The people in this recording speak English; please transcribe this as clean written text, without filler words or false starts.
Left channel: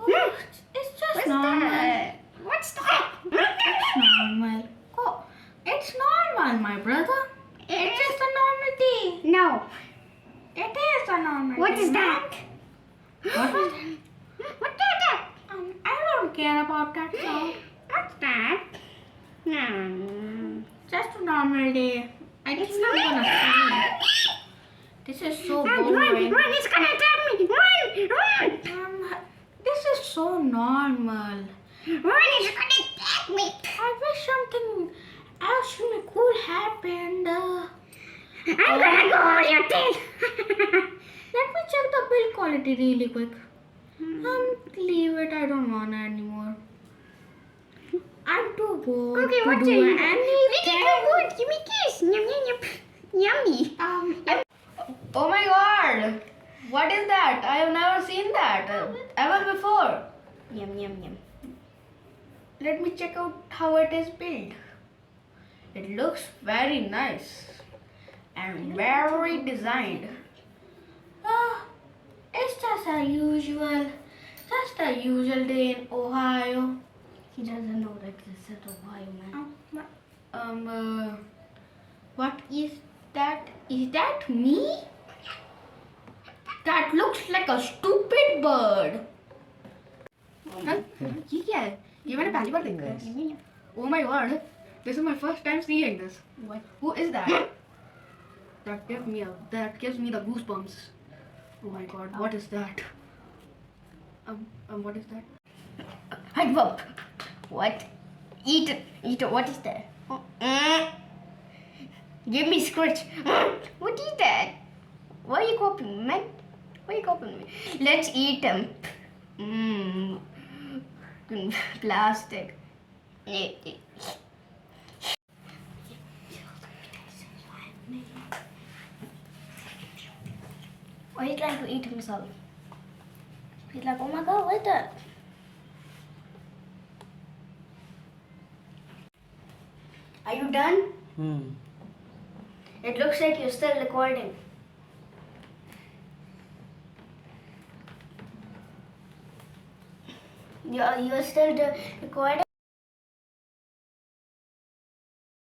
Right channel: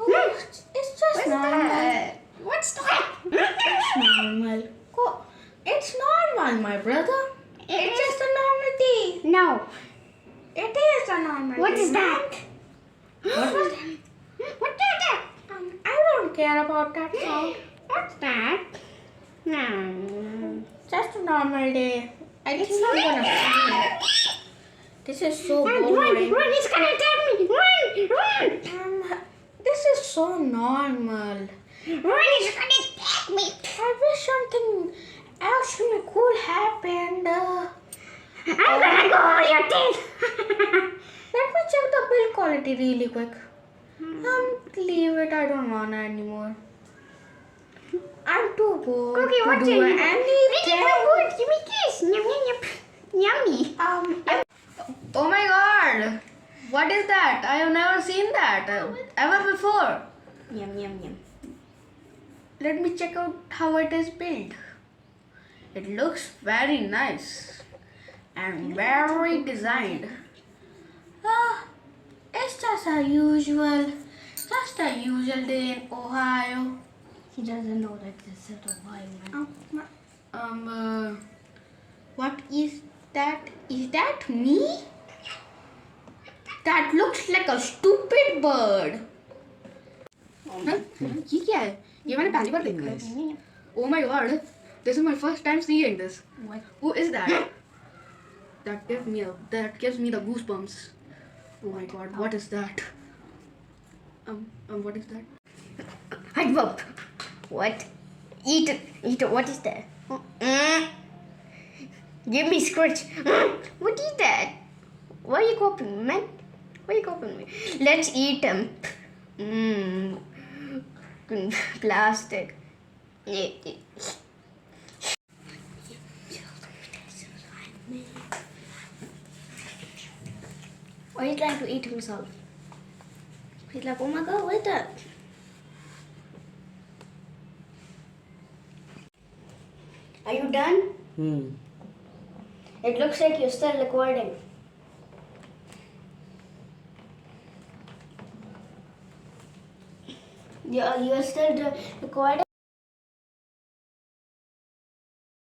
Oh, it's just normal. What's that? It's normal. Oh, it's normal, my brother. It's just a normal tea. No. It is a normal What tea. is that? What was that? What is that? I don't care about that sound. What's that? No. Just a normal day. It's not gonna sing. This is so Run, boring. run, it's gonna attack me. Run. This is so normal. Run, it's gonna attack me. I wish something else really cool happened. I'm gonna go over your teeth. Let me check the build quality really quick. Leave it. I don't want it anymore. I'm too bored Okay, to what's do in anything. good? Give me this. Yum, yum, yum. Yummy. Oh my god! What is that? I have never seen that ever before. Yum, yum, yum. Let me check out how it is built. It looks very nice and very designed. It's just a usual day in Ohio. He doesn't know that this is Ohio, man. What is that? Is that me? That looks like a stupid bird. ये क्या है? ये मैंने पहली बार देखा है. Oh my god! This is my first time seeing this. What? Who is that? That gives me the goosebumps. Oh my god! What is that? What is that? Hide bump. What? Eat it. Eat it. What is that? Give me scratch. What is that? Why are you copying, man? Why are you copying me? Let's eat them. Plastic. Why are you trying to eat himself? He's like, oh my god, what is that? Are you done? It looks like you're still recording. You're still recording?